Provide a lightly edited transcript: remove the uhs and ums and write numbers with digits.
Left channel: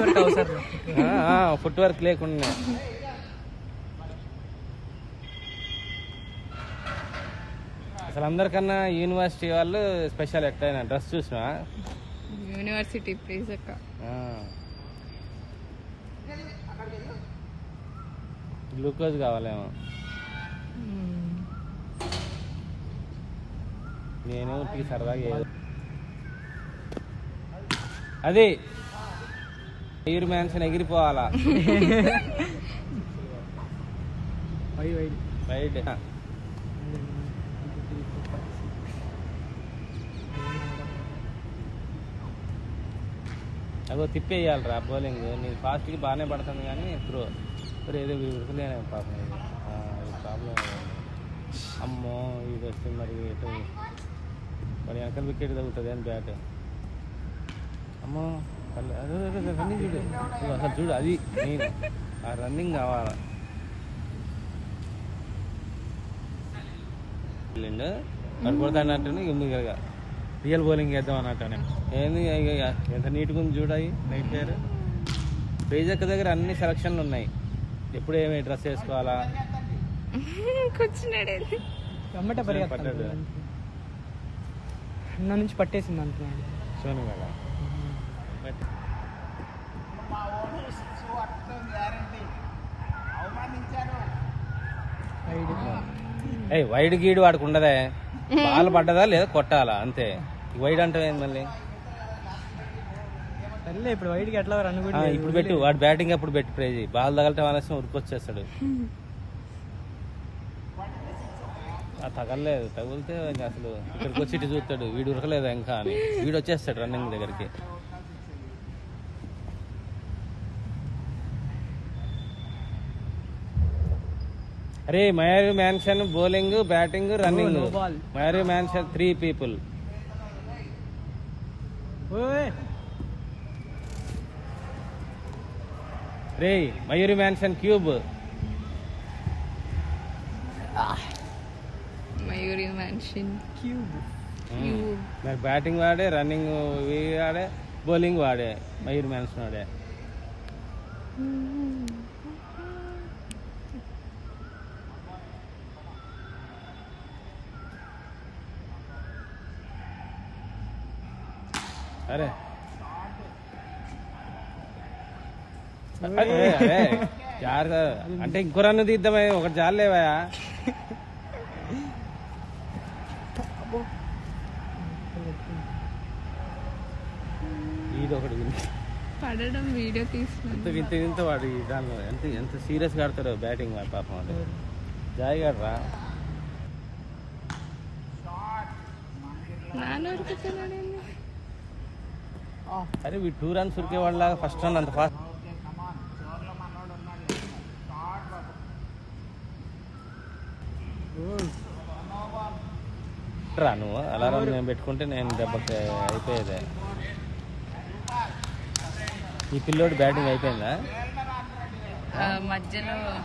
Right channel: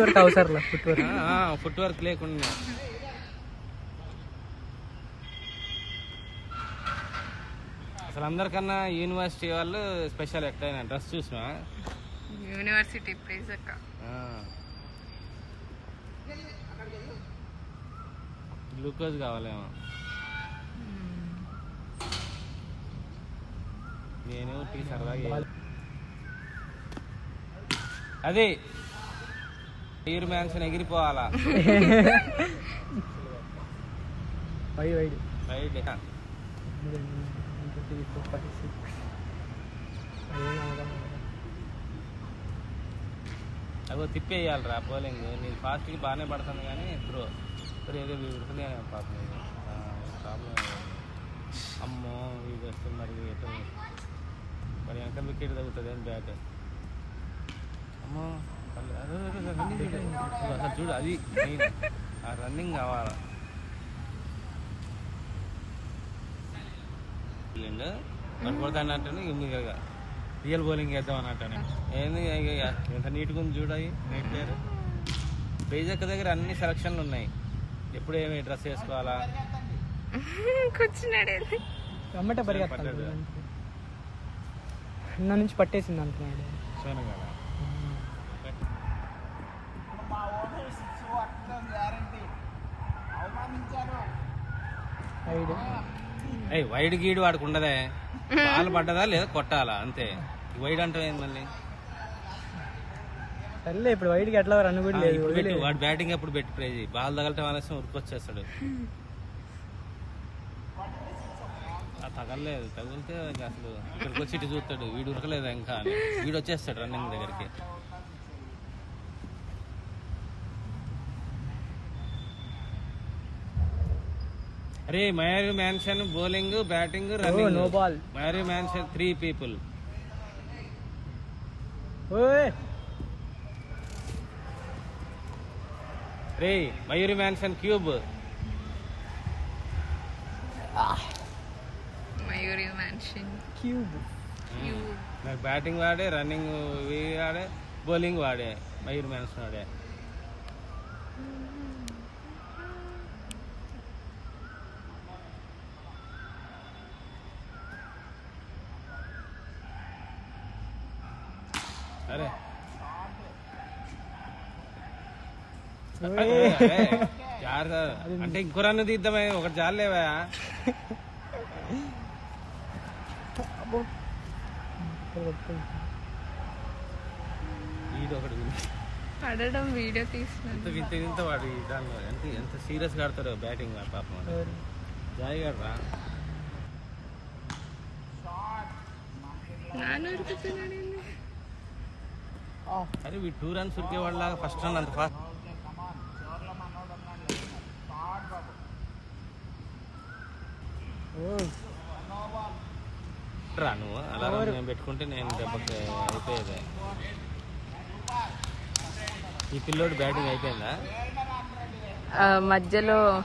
Work అవసరం, foot work లేకుండా. అసలు అందరికన్నా యూనివర్సిటీ వాళ్ళు స్పెషల్ ఎట్లయినా డ్రెస్ చూసినా యూనివర్సిటీ ప్లీజ్ అక్క. గ్లూకోజ్ కావాలేమో. నేను టీ సరదాగా అది ఎయిర్ మ్యాన్షన్ ఎగిరిపోవాలా. రైట్ అదో తిప్పేయాలిరా బౌలింగ్. నేను ఫాస్ట్కి బాగానే పడుతుంది కానీ ఇప్పుడు ఏదో ఉడుకునే ప్రాబ్లం. అమ్మో ఇది వస్తున్నారు ఎటు మరి వెనక వికెట్ తగ్గుతుంది అని బ్యాట్. అమ్మో రన్నింగ్ చూడు అసలు చూడు, అది ఆ రన్నింగ్ కావాలి. పడుకోవద్దని అంటే ఇక రియల్ బౌలింగ్ వేద్దాం అన్నట్టు. ఏంది ఎంత నీట్గా ఉంది చూడాయి. నైట్ పేరు పేజక్క దగ్గర అన్ని సెలక్షన్లు ఉన్నాయి. ఎప్పుడు ఏమి డ్రెస్ వేసుకోవాలా కూర్చున్నాడు నుంచి పట్టేసింది అంటున్నాడు. వైడ్ గీడు వాడికి ఉండదే. బాల్ పడ్డదా లేదా కొట్టాలా అంతే. వైడ్ అంటే ఏంది మళ్ళీ ఇప్పుడు వైడ్కి ఎట్లా రన్ కూడా ఇప్పుడు పెట్టు. వాడు బ్యాటింగ్ అప్పుడు పెట్టి ప్రైజ్ బాల్ తగలటం అనేసి ఉరికొచ్చేస్తాడు. తగలలేదు, తగిలితే అసలు ఇక్కడికి వచ్చి ఇటు చూస్తాడు. వీడు ఉరకలేదు ఇంకా అని వీడు వచ్చేస్తాడు రన్నింగ్ దగ్గరికి. అరే Mayuri mansion bowling batting running. Mayuri mansion 3 people. రే Mayuri mansion cube. Mayuri mansion cube. Batting వాడే, రన్నింగ్ వాడే, బౌలింగ్ వాడే. మయూరి మ్యాన్షన్ వాడే. అరే అంటే ఇంకో రన్ను తీద్దామే, ఒకటి చాలేవా. ఇది ఒకటి పడడం వీడియో తీసిన ఇంత వాడు ఎంత సీరియస్ గా ఆడతాడు బ్యాటింగ్. వాడు పాపం జాయ్ గాడ్రా. అరే వీ 2 runs ఉరికే వాళ్ళ ఫస్ట్ రన్ అంత ఫాస్ట్ రాను. అలారం నేను పెట్టుకుంటే నేను దెబ్బకి అయిపోయేది. ఈ పిల్లోడు బ్యాటింగ్ అయిపోయిందా మధ్యలో